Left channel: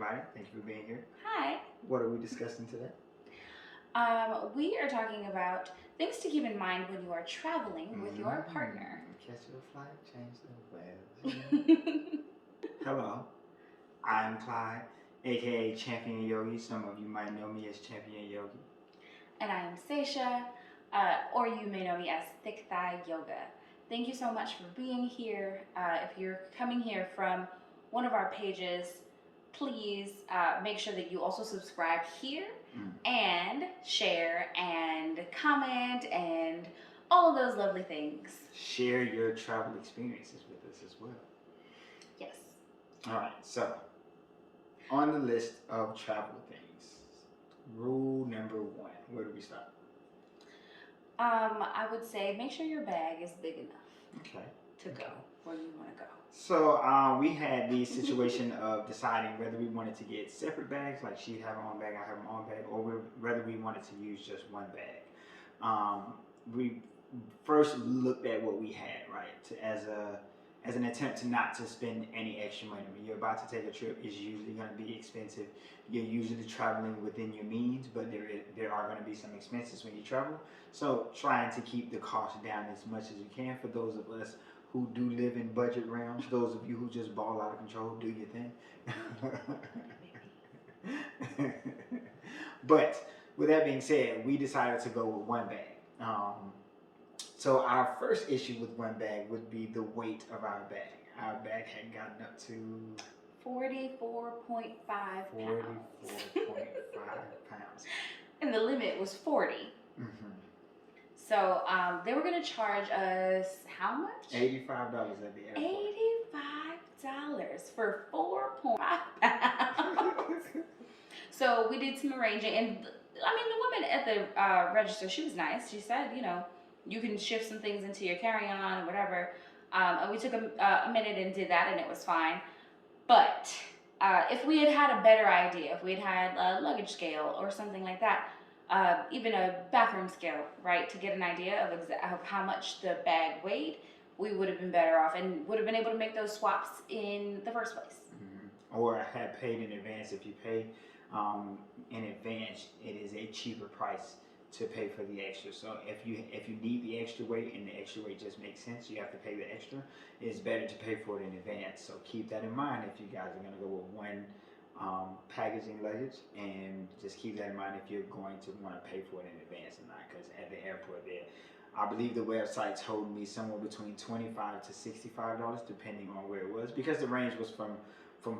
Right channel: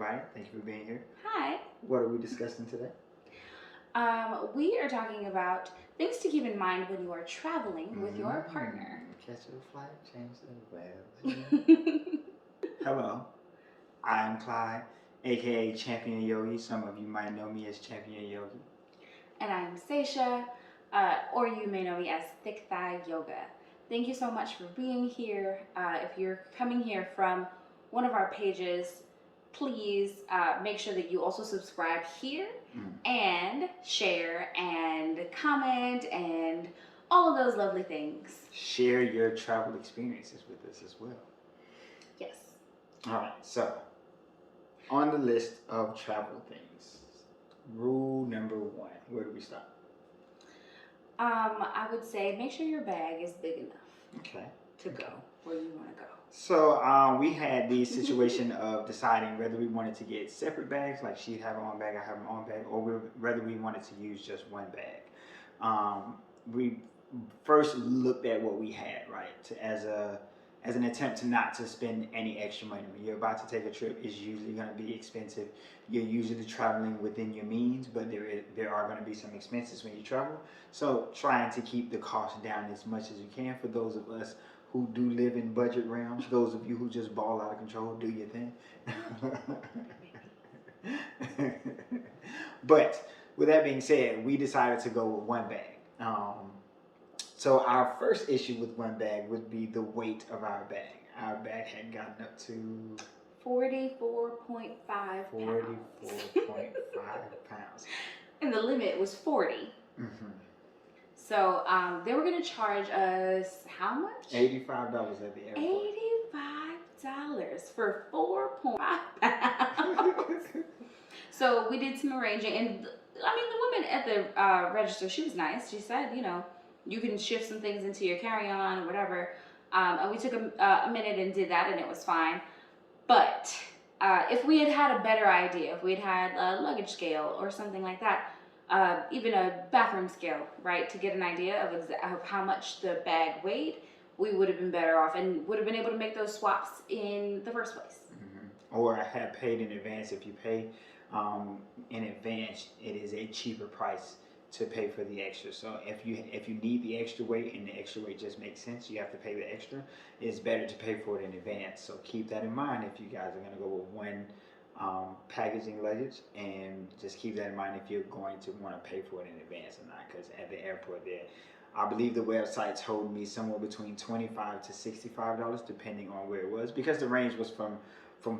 everybody. Thank you for being here. Hi. What are we discussing today? We are talking about things to keep in mind when you are traveling with your partner. Catch your flight, change the weather. Hello, I'm Clyde, aka Champion Yogi. Some of you might know me as Champion Yogi. And I am Saisha, or you may know me as ThickThighYoga. Thank you so much for being here. If you're coming here from one of our pages, please make sure that you also subscribe here and share and comment and all of those lovely things. Share your travel experiences with us as well. Yes. All right, so on the list of travel things, rule number 1, where do we start? I would say make sure your bag is big enough to go where you want to go. So we had the situation of deciding whether we wanted to get separate bags, like she'd have her own bag, I have my own bag, or whether we wanted to use just one bag. We first looked at what we had, right, as an attempt to not to spend any extra money. When you're about to take a trip, it's usually going to be expensive. You're usually traveling within your means, but there are going to be some expenses when you travel. So trying to keep the cost down as much as you can for those of us who do live in budget realms. Those of you who just ball out of control, do your thing. But with that being said, we decided to go with one bag. So our first issue with one bag would be the weight of our bag. Our bag had gotten up to 44.5 pounds. 44.5 pounds. And the limit was 40. So they were going to charge us how much? $85 at the airport. $85 for 4.5 pounds. So we did some arranging, and I mean, the woman at the register, she was nice. She said, you know, you can shift some things into your carry-on, whatever. And we took a minute and did that, and it was fine. But if we had had a better idea, if we had had a luggage scale or something like that, even a bathroom scale, right, to get an idea of how much the bag weighed, we would have been better off and would have been able to make those swaps in the first place. Or have paid in advance. If you pay in advance, it is a cheaper price to pay for the extra. So if you need the extra weight and the extra weight just makes sense, you have to pay the extra, it's better to pay for it in advance. So keep that in mind if you guys are going to go with one packaging luggage, and just keep that in mind if you're going to want to pay for it in advance or not, because at the airport there, I believe the website told me somewhere between $25 to $65 depending on where it was, because the range was from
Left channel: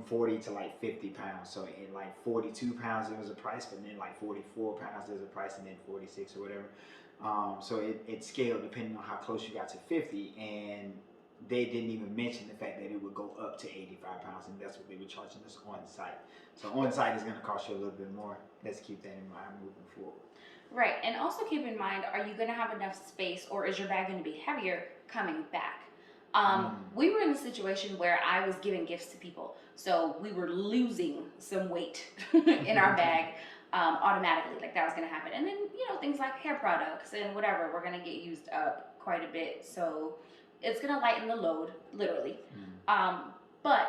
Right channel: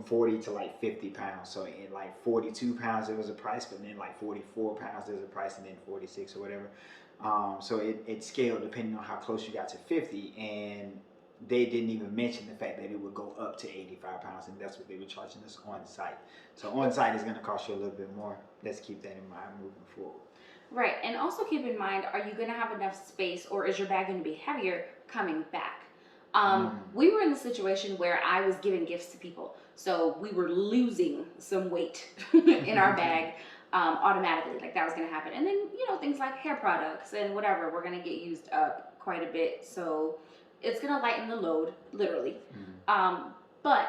40 to like 50 pounds. So in like 42 pounds, it was a price, but then like 44 pounds, there's a price, and then 46 or whatever. So it scaled depending on how close you got to 50, and they didn't even mention the fact that it would go up to 85 pounds, and that's what they were charging us on site. So on site is going to cost you a little bit more. Let's keep that in mind moving forward. Right, and also keep in mind, are you going to have enough space, or is your bag going to be heavier coming back? We were in the situation where I was giving gifts to people, so we were losing some weight in our bag automatically, like that was going to happen. And then, you know, things like hair products and whatever, we're going to get used up quite a bit, so it's going to lighten the load, literally. But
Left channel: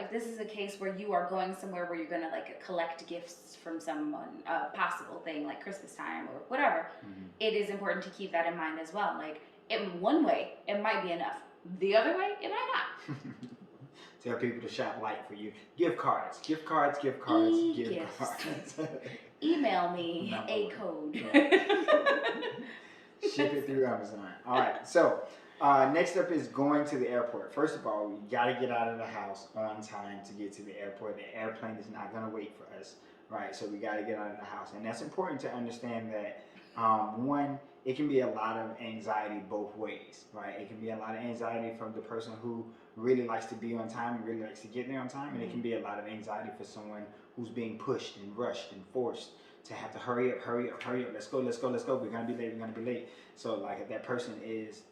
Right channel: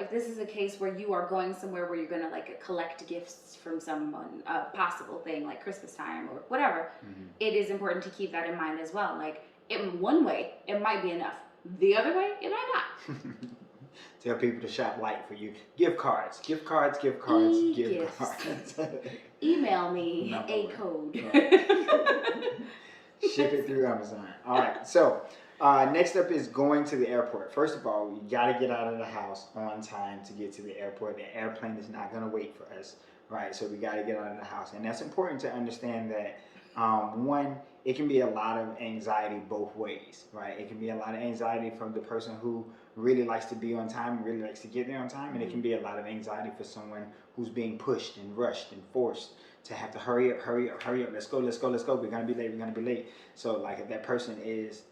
if this is a case where you are going somewhere where you're going to like collect gifts from someone, a possible thing like Christmas time or whatever, it is important to keep that in mind as well. Like, in one way, it might be enough. The other way, it might not. Tell people to shop light for you. Gift cards. Email me a code. Ship it through Amazon. All right. So next up is going to the airport. First of all, we got to get out of the house on time to get to the airport. The airplane is not going to wait for us, right? So we got to get out of the house. And that's important to understand that, one, it can be a lot of anxiety both ways, right? It can be a lot of anxiety from the person who really likes to be on time and really likes to get there on time. And it can be a lot of anxiety for someone who's being pushed and rushed and forced to have to hurry up. Let's go. We're going to be late. So like if that person is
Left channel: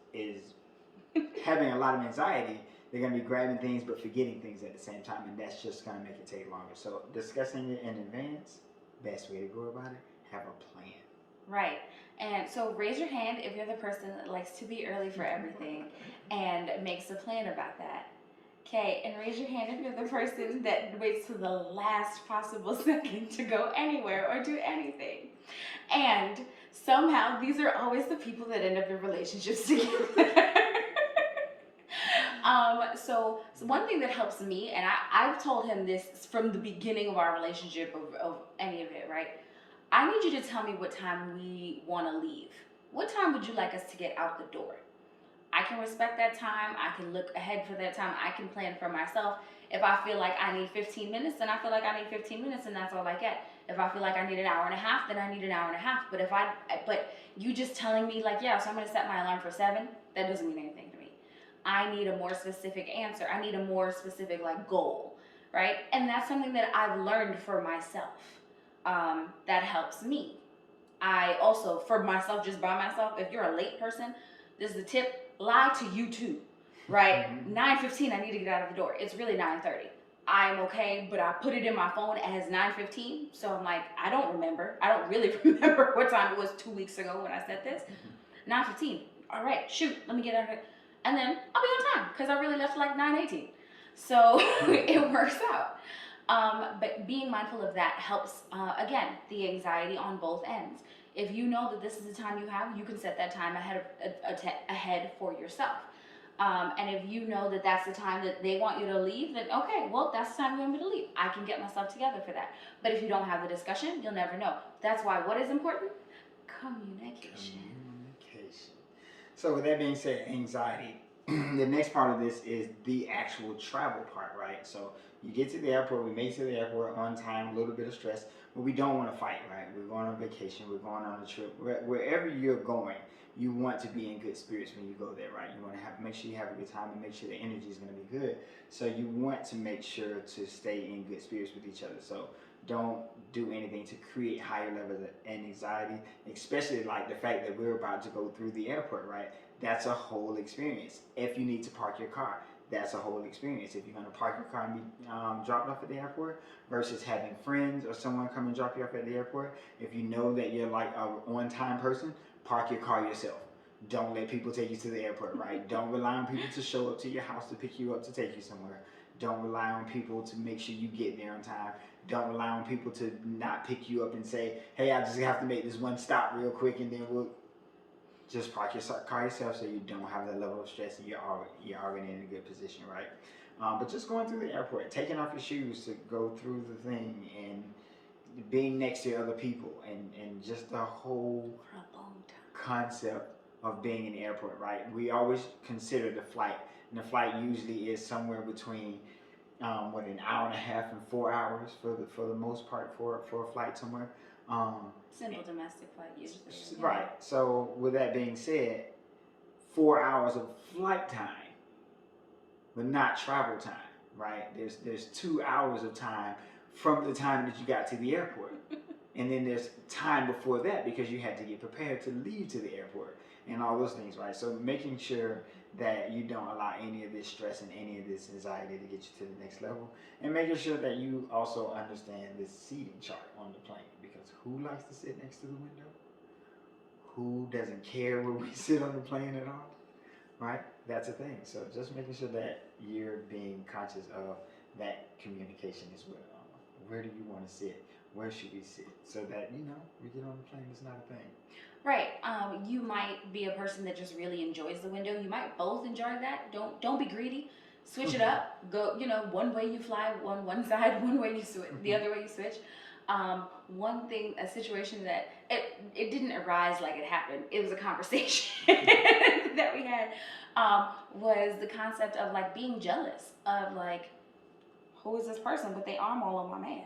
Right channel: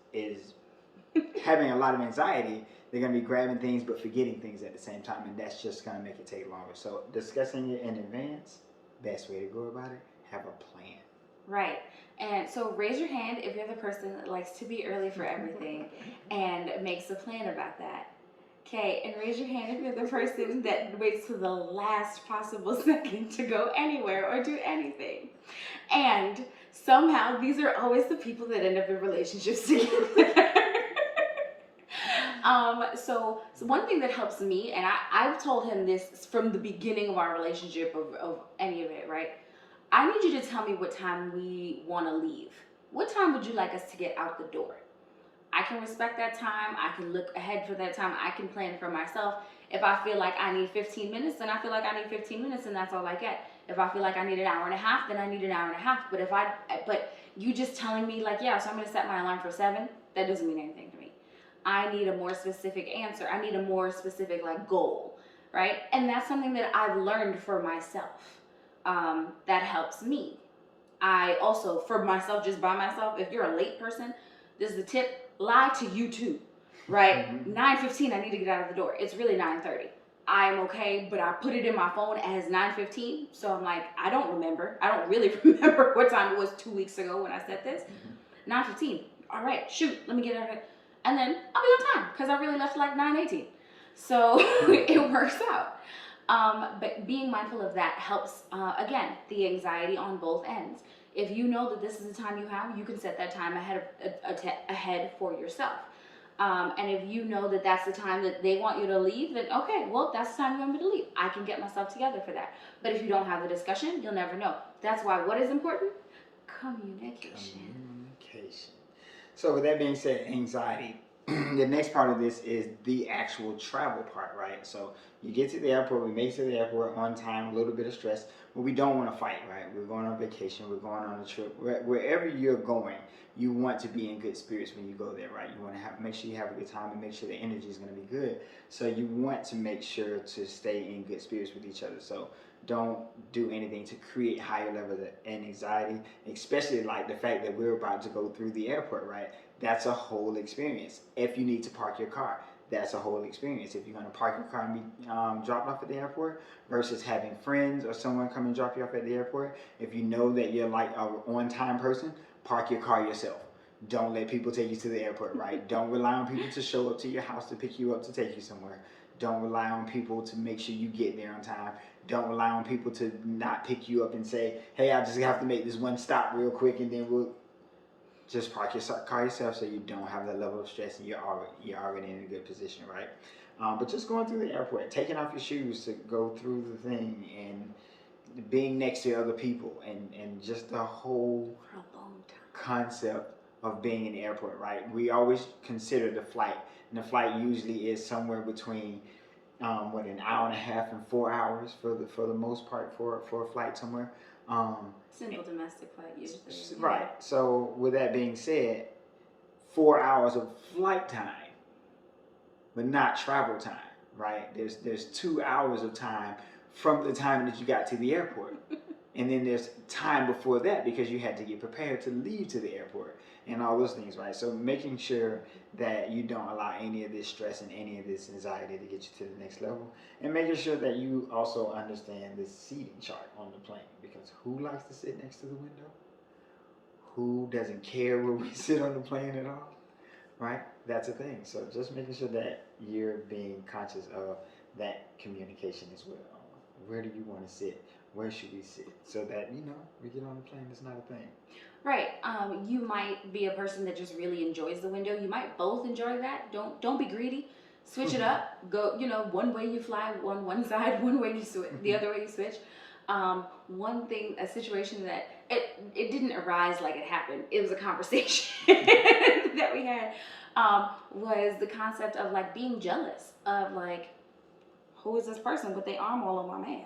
having a lot of anxiety, they're going to be grabbing things but forgetting things at the same time. And that's just going to make it take longer. So discussing it in advance, best way to go about it, have a plan. Right. And so raise your hand if you're the person that likes to be early for everything and makes a plan about that. Okay, and raise your hand if you're the person that waits to the last possible second to go anywhere or do anything. And somehow these are always the people that end up in relationships together. So one thing that helps me, and I've told him this from the beginning of our relationship of any of it, right? I need you to tell me what time we want to leave. What time would you like us to get out the door? I can respect that time. I can look ahead for that time. I can plan for myself. If I feel like I need 15 minutes, then I feel like I need 15 minutes, and that's all I get. If I feel like I need an hour and a half, then I need an hour and a half. But you just telling me like, yeah, so I'm gonna set my alarm for 7, that doesn't mean anything to me. I need a more specific answer. I need a more specific like goal, right? And that's something that I've learned for myself. That helps me. I also, for myself, just by myself, if you're a late person, this is the tip, lie to you too, right? 9:15, I need to get out of the door. It's really 9:30. I'm okay, but I put it in my phone as 9:15, so I'm like, I don't remember. I don't really remember what time it was 2 weeks ago when I said this. 9:15, all right, shoot, let me get out of it. And then I'll be on time, because I really left like 9:18. So it works out. But being mindful of that helps, again, the anxiety on both ends. If you know that this is the time you have, you can set that time ahead for yourself. And if you know that that's the time that they want you to leave, then okay, well, that's the time you want me to leave. I can get myself together for that. But if you don't have the discussion, you'll never know. That's why what is important? Communication. So with that being said, anxiety. The next part of this is the actual travel part, right? So you get to the airport, we make it to the airport on time, a little bit of stress, but we don't want to fight, right? We're going on vacation, we're going on a trip. Wherever you're going, you want to be in good spirits when you go there, right? You want to make sure you have a good time and make sure the energy is going to be good. So you want to make sure to stay in good spirits with each other. So don't do anything to create higher levels of anxiety, especially like the fact that we're about to go through the airport, right? That's a whole experience. If you need to park your car, that's a whole experience. If you're going to park your car and be dropped off at the airport versus having friends or someone come and drop you off at the airport, if you know that you're like an on-time person, park your car yourself. Don't let people take you to the airport, right? Don't rely on people to show up to your house to pick you up to take you somewhere. Don't rely on people to make sure you get there on time. Don't rely on people to not pick you up and say, hey, I just have to make this one stop real quick and then we'll just park your car yourself so you don't have that level of stress and you're already in a good position, right? But just going through the airport, taking off your shoes to go through the thing and being next to other people and just the whole concept of being in the airport, right? We always consider the flight, and the flight usually is somewhere between an hour and a half and 4 hours for the most part for a flight somewhere. Simple domestic flight usually. Right. So with that being said, 4 hours of flight time, but not travel time, right? There's 2 hours of time from the time that you got to the airport. And then there's time before that because you had to get prepared to leave to the airport and all those things, right? So making sure that you don't allow any of this stress and any of this anxiety to get you to the next level, and making sure that you also understand this seating chart on the plane, because who likes to sit next to the window? Who doesn't care where we sit on the plane at all, right? That's a thing. So just making sure that you're being conscious of that communication as well. Where do you want to sit? Where should we sit? So that, we get on the plane, it's not a thing. Right. You might be a person that just really enjoys the window. You might both enjoy that. Don't be greedy. Switch it up. Go, one way you fly one side, one way you switch, the other way you switch. One thing, a situation that it didn't arise like it happened. It was a conversation that we had. Was the concept of like being jealous of like, who is this person with their arm all on my man?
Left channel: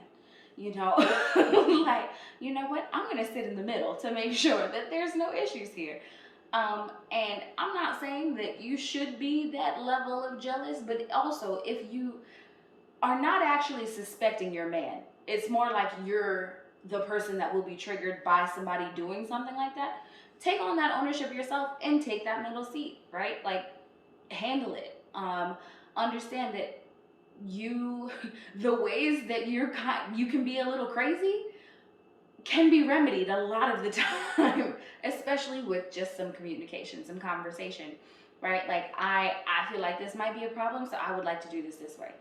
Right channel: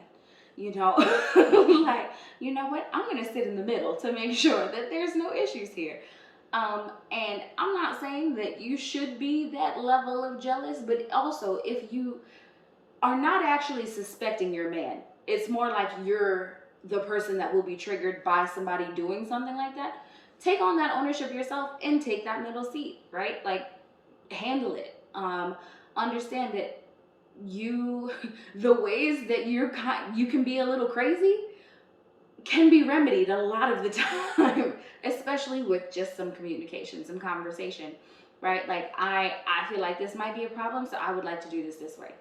Like, you know what? I'm going to sit in the middle to make sure that there's no issues here. And I'm not saying that you should be that level of jealous, but also if you are not actually suspecting your man, it's more like you're the person that will be triggered by somebody doing something like that. Take on that ownership yourself and take that middle seat, right? Like, handle it. Understand that the ways that you can be a little crazy can be remedied a lot of the time, especially with just some communication, some conversation. right? Like I feel like this might be a problem, so I would like to do this way.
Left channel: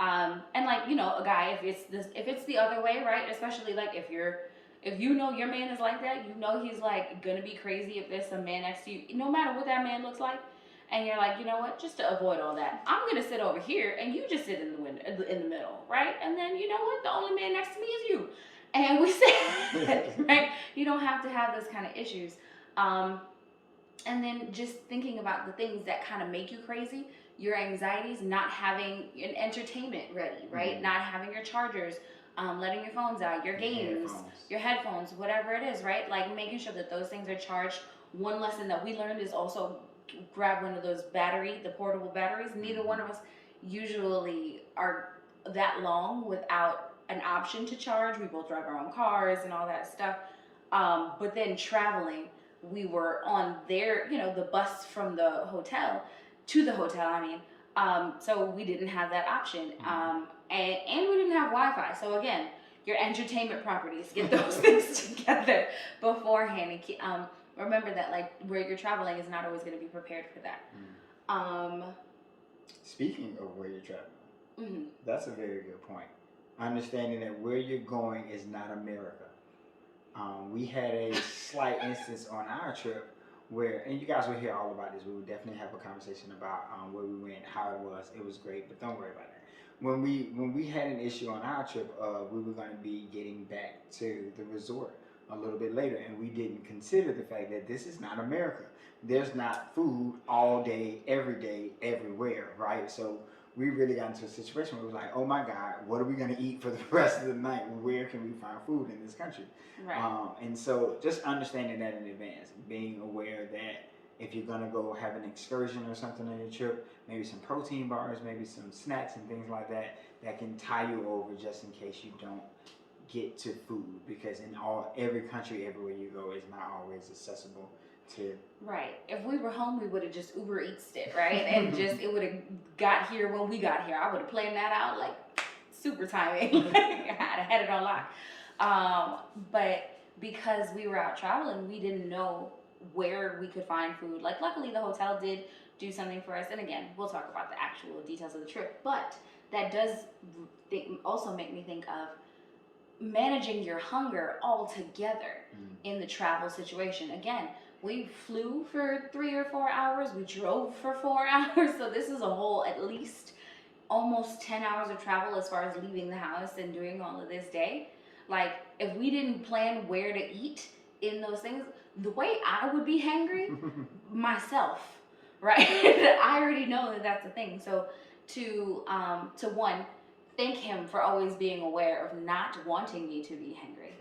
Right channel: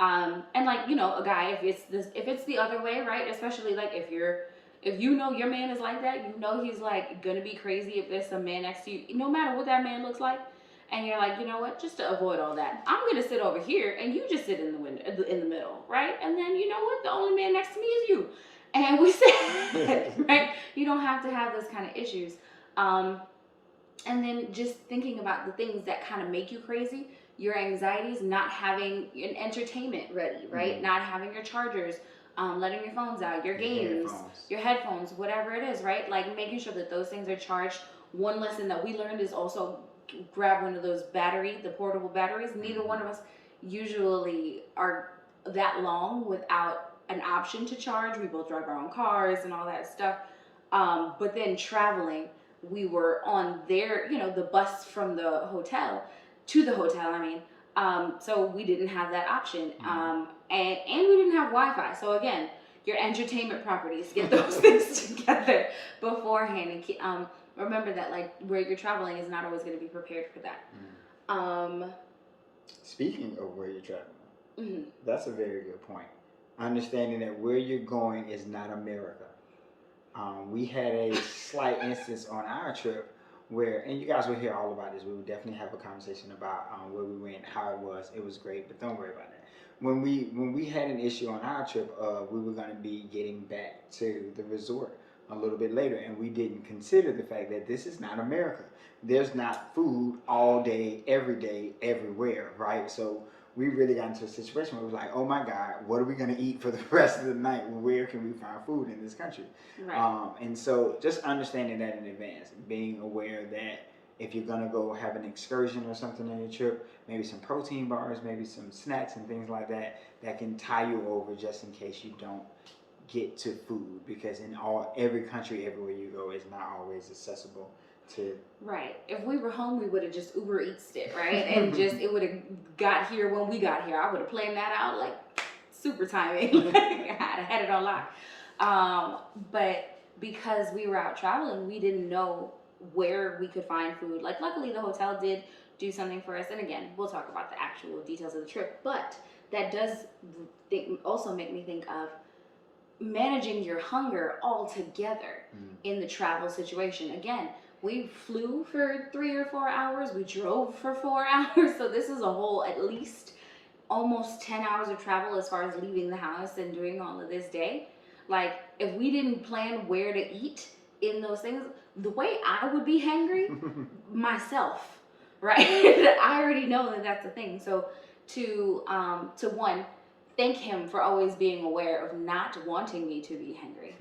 And like, you know, a guy, if it's the other way, right? Especially like if you know your man is like that, you know he's like gonna be crazy if there's some man next to you, no matter what that man looks like, and you're like, you know what, just to avoid all that, I'm gonna sit over here and you just sit in the window in the middle, right? And then you know what, the only man next to me is you, and we sit right. You don't have to have those kind of issues. Um, and then just thinking about the things that kind of make you crazy, your anxieties, not having an entertainment ready, right? Mm-hmm. Not having your chargers, letting your phones out, your games, your headphones, whatever it is, right? Like making sure that those things are charged. One lesson that we learned is also grab one of those the portable batteries. Neither mm-hmm. one of us usually are that long without an option to charge. We both drive our own cars and all that stuff. But then traveling, we were on their, you know, the bus from the hotel to the hotel, I mean. So we didn't have that option. And we didn't have Wi-Fi. So again, your entertainment properties, get those things together beforehand. And remember that like where you're traveling is not always going to be prepared for that. Speaking of where you're traveling, that's a very good point. Understanding that where you're going is not America. We had a slight instance on our trip where, and you guys will hear all about this. We will definitely have a conversation about where we went, how it was. It was great, but don't worry about that. When we had an issue on our trip, we were going to be getting back to the resort a little bit later, and we didn't consider the fact that this is not America. There's not food all day, everywhere, right? So we really got into a situation where it was like, oh my God, what are we going to eat for the rest of the night? Where can we find food in this country? Right. And so just understanding that in advance, being aware that if you're going to go have an excursion or something on your trip, maybe some protein bars, maybe some snacks and things like that, that can tie you over just in case you don't get to food, because in every country, everywhere you go, is not always accessible to. Right. If we were home, we would have just Uber Eats it, right? And just it would have got here when we got here. I would have planned that out like super timing. I had it on lock. But because we were out traveling, we didn't know where we could find food. Like luckily the hotel did do something for us. And again, we'll talk about the actual details of the trip. But that does also make me think of managing your hunger altogether in the travel situation. Again, we flew for 3 or 4 hours. We drove for 4 hours. So this is a whole at least almost 10 hours of travel as far as leaving the house and doing all of this day. Like if we didn't plan where to eat in those things, the way I would be hangry myself, right? I already know that that's the thing. So to one, thank him for always being aware of not wanting me to be hungry.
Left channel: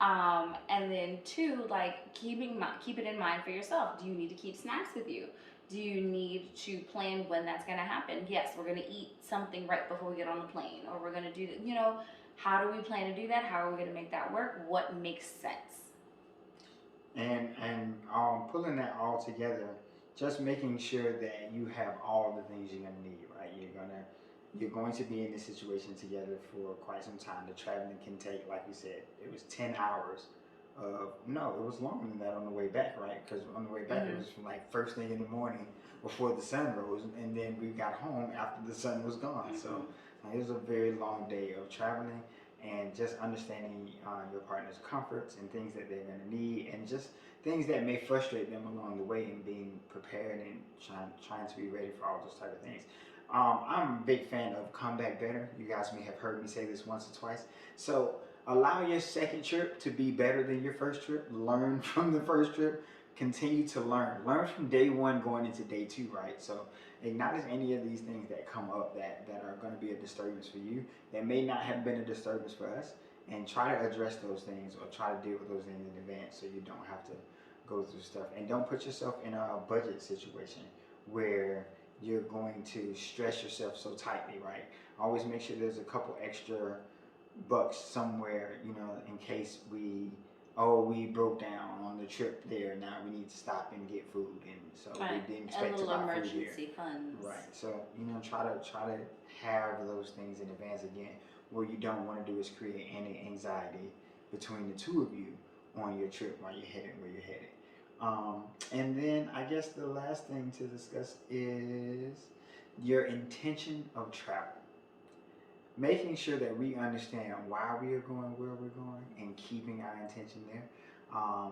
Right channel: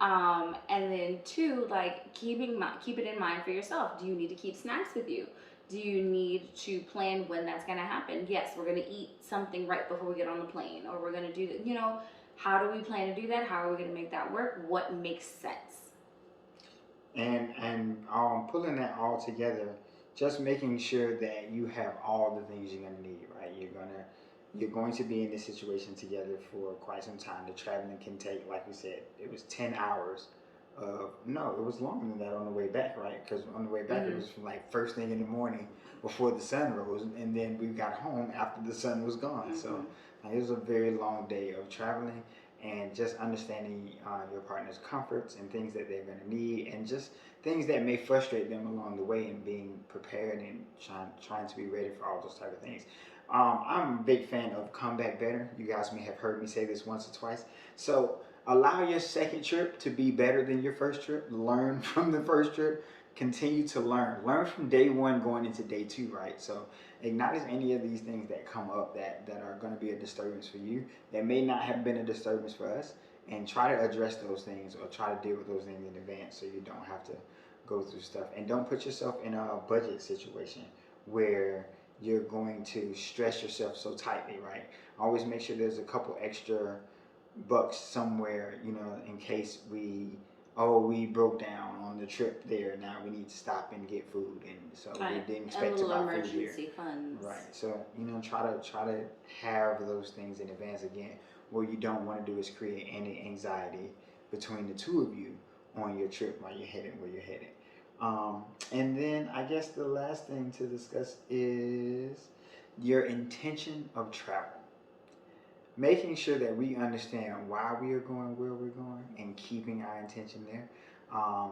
And then two, like keep it in mind for yourself. Do you need to keep snacks with you? Do you need to plan when that's going to happen? Yes, we're going to eat something right before we get on the plane, or we're going to do that. You know, how do we plan to do that? How are we going to make that work? What makes sense? And pulling that all together, just making sure that you have all the things you're going to need, right? You're going to be in this situation together for quite some time. The traveling can take, like we said, it was 10 hours. No, it was longer than that on the way back, right? Because on the way back, it was from like first thing in the morning before the sun rose, and then we got home after the sun was gone. So it was a very long day of traveling, and just understanding your partner's comforts and things that they're going to need, and just things that may frustrate them along the way, and being prepared and trying to be ready for all those type of things. I'm a big fan of come back better. You guys may have heard me say this once or twice. So allow your second trip to be better than your first trip. Learn from the first trip. Continue to learn. Learn from day one going into day two, right? So acknowledge any of these things that come up that are going to be a disturbance for you, that may not have been a disturbance for us, and try to address those things or try to deal with those things in advance so you don't have to go through stuff. And don't put yourself in a budget situation where you're going to stress yourself so tightly, right? Always make sure there's a couple extra bucks somewhere, you know, in case we broke down on the trip there. Now we need to stop and get food, and so we didn't expect to buy food here. Emergency funds. Right. So, you know, try to have those things in advance. Again, what you don't want to do is create any anxiety between the two of you on your trip while you're headed where you're headed. And then I guess the last thing to discuss is your intention of travel. Making sure that we understand why we are going where we're going and keeping our intention there.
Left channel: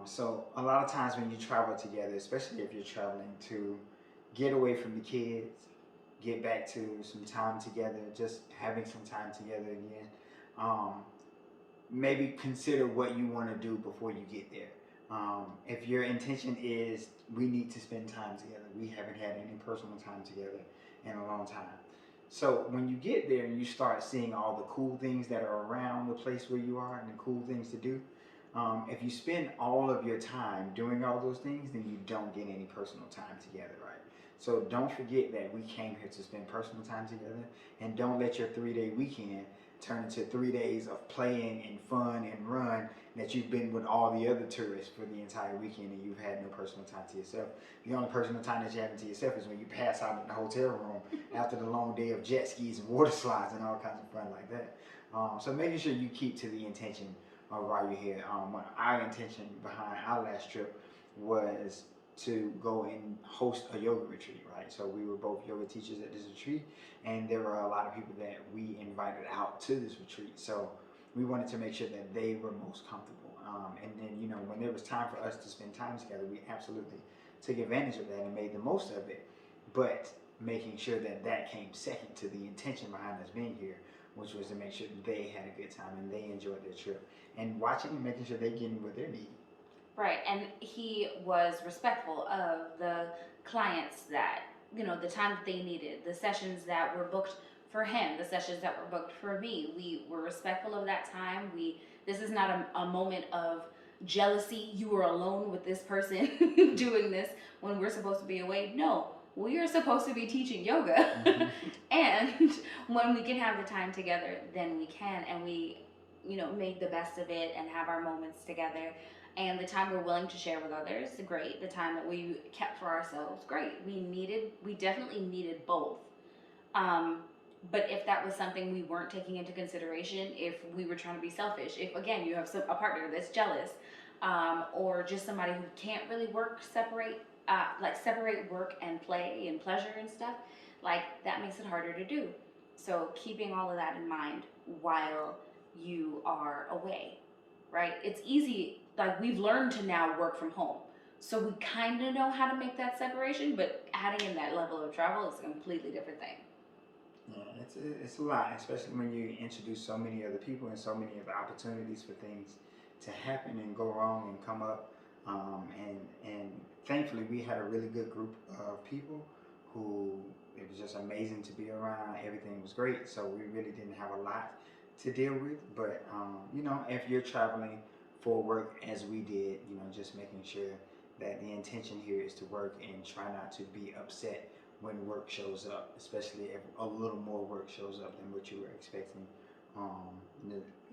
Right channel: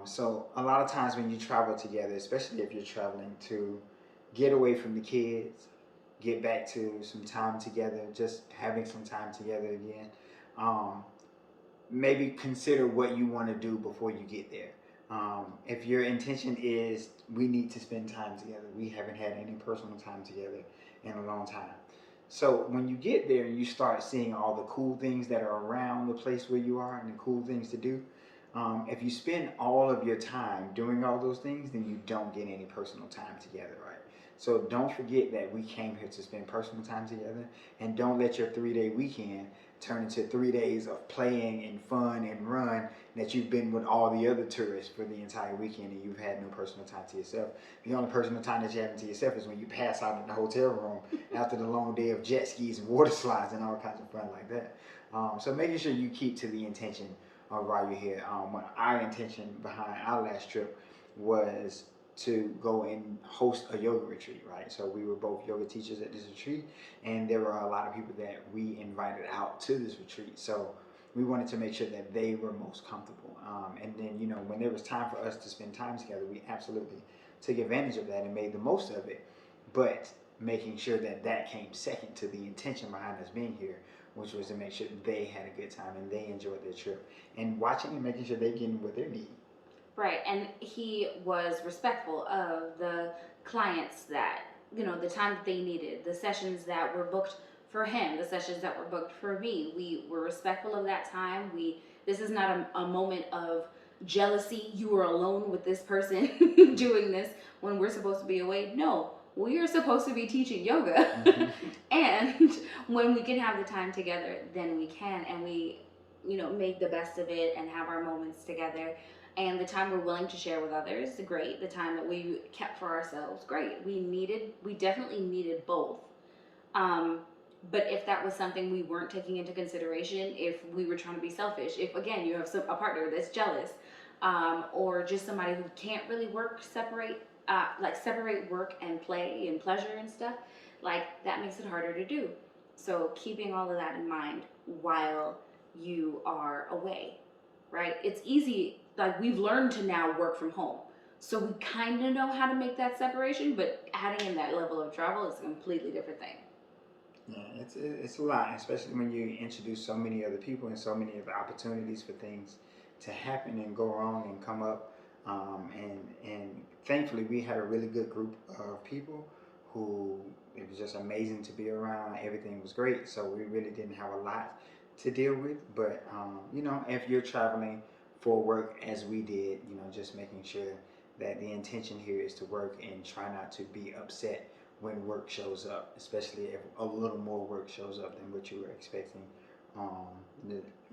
So a lot of times when you travel together, especially if you're traveling to get away from the kids, get back to some time together, just having some time together again. Um, Maybe consider what you want to do before you get there. If your intention is we need to spend time together, we haven't had any personal time together in a long time. So when you get there and you start seeing all the cool things that are around the place where you are and the cool things to do, if you spend all of your time doing all those things, then you don't get any personal time together, right? So don't forget that we came here to spend personal time together, and don't let your 3 day weekend turn into 3 days of playing and fun and run that you've been with all the other tourists for the entire weekend and you've had no personal time to yourself. The only personal time that you have to yourself is when you pass out in the hotel room after the long day of jet skis and water slides and all kinds of fun like that. So making sure you keep to the intention of why you're here. When our intention behind our last trip was to go and host a yoga retreat, right? So we were both yoga teachers at this retreat, and there were a lot of people that we invited out to this retreat. So we wanted to make sure that they were most comfortable. And then, when there was time for us to spend time together, we absolutely took advantage of that and made the most of it. But making sure that that came second to the intention behind us being here, which was to make sure they had a good time and they enjoyed their trip, and watching and making sure they're getting what they need. Right, and he was respectful of the clients that, the time that they needed, the sessions that were booked for him, the sessions that were booked for me. We were respectful of that time. This is not a moment of jealousy. You were alone with this person doing this when we're supposed to be away. No, we are supposed to be teaching yoga. Mm-hmm. And when we can have the time together, then we can, and we, make the best of it and have our moments together. And the time we're willing to share with others, great. The time that we kept for ourselves, great. We definitely needed both. Um, but if that was something we weren't taking into consideration, if we were trying to be selfish, if again you have a partner that's jealous, or just somebody who can't really separate work and play and pleasure and stuff, like that makes it harder to do. So keeping all of that in mind while you are away, right? It's easy. Like we've learned to now work from home. So we kind of know how to make that separation, but adding in that level of travel is a completely different thing. Yeah, it's a lot, especially when you introduce so many other people and so many other opportunities for things to happen and go wrong and come up. And thankfully, we had a really good group of people who it was just amazing to be around. Everything was great, so we really didn't have a lot to deal with. But if you're traveling for work as we did, just making sure that the intention here is to work and try not to be upset when work shows up, especially if a little more work shows up than what you were expecting. Um,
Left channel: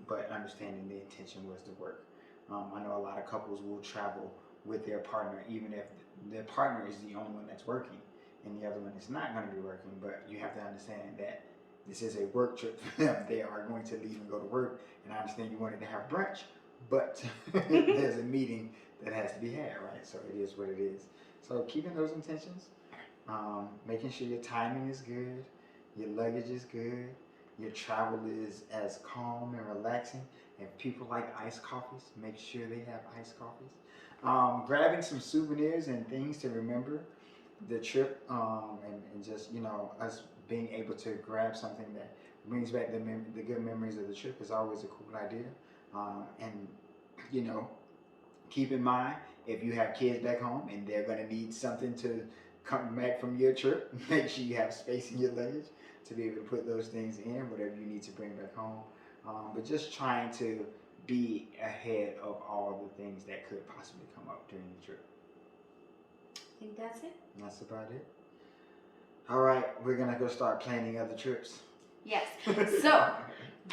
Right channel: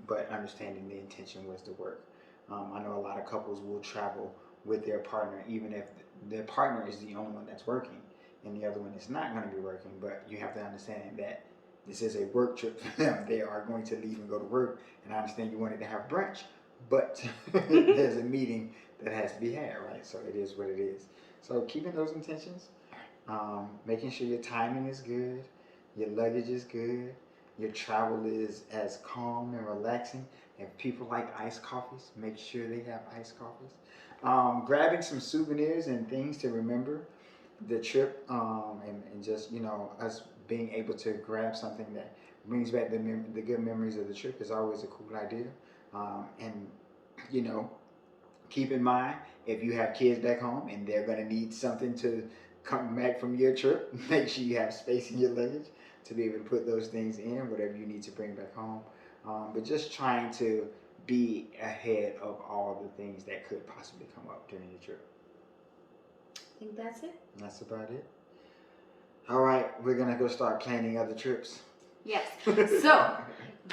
but understanding the intention was to work. I know a lot of couples will travel with their partner, even if their partner is the only one that's working and the other one is not going to be working. But you have to understand that this is a work trip for them. They are going to leave and go to work. And I understand you wanted to have brunch, but there's a meeting that has to be had, right? So it is what it is. So keeping those intentions, making sure your timing is good, your luggage is good, your travel is as calm and relaxing. If people like iced coffees, make sure they have iced coffees. Grabbing some souvenirs and things to remember the trip, and just us being able to grab something that brings back the good memories of the trip is always a cool idea. And you know, keep in mind if you have kids back home and they're going to need something to come back from your trip, make sure you have space in your luggage to be able to put those things in, whatever you need to bring back home. But just trying to be ahead of all the things that could possibly come up during your trip. I think that's it. That's about it. All right, we're going to go start planning other trips. Yes. So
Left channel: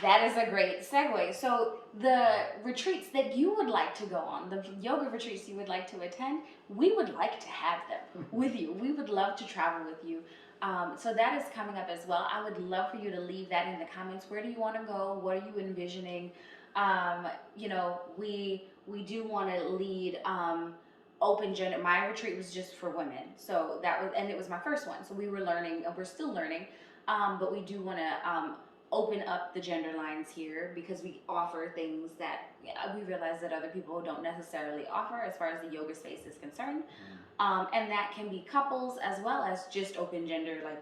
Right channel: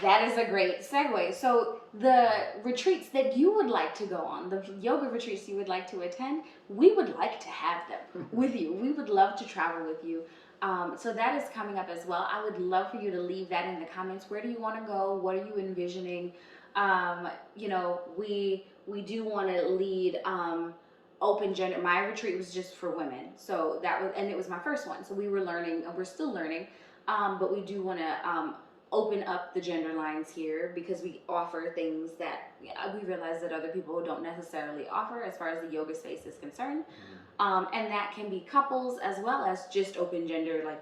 that is a great segue. So the retreats that you would like to go on, the yoga retreats you would like to attend, we would like to have them with you. We would love to travel with you. So that is coming up as well. I would love for you to leave that in the comments. Where do you want to go? What are you envisioning? We do want to lead open gender. My retreat was just for women, so that was, and it was my first one. So we were learning, and we're still learning, but we do want to open up the gender lines here because we offer things that we realize that other people don't necessarily offer as far as the yoga space is concerned. And that can be couples as well as just open gender, like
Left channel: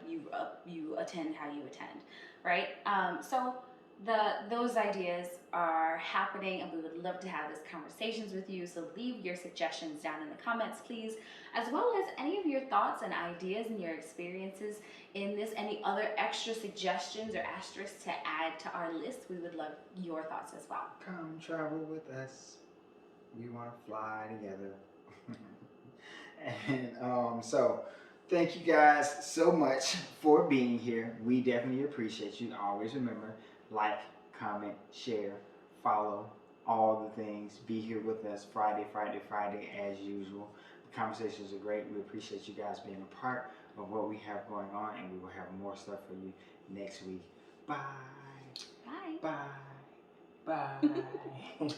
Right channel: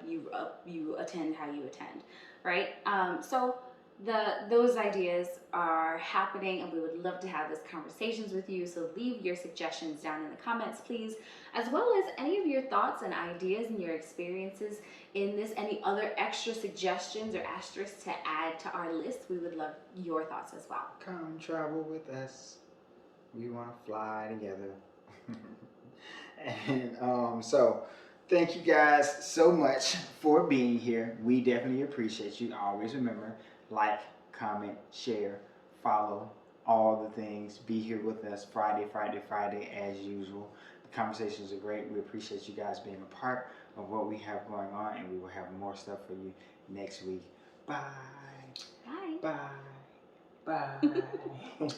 you attend how you attend, right? So those ideas are happening, and we would love to have these conversations with you. So leave your suggestions down in the comments, please, as well as any of your thoughts and ideas and your experiences in this, any other extra suggestions or asterisks to add to our list. We would love your thoughts as well. Come travel with us. We want to fly together. And so thank you guys so much for being here. We definitely appreciate you. Always remember, like, comment, share, follow, all the things. Be here with us Friday as usual. The conversations are great. We appreciate you guys being a part of what we have going on, and we will have more stuff for you next week. Bye. Bye. Bye. Bye.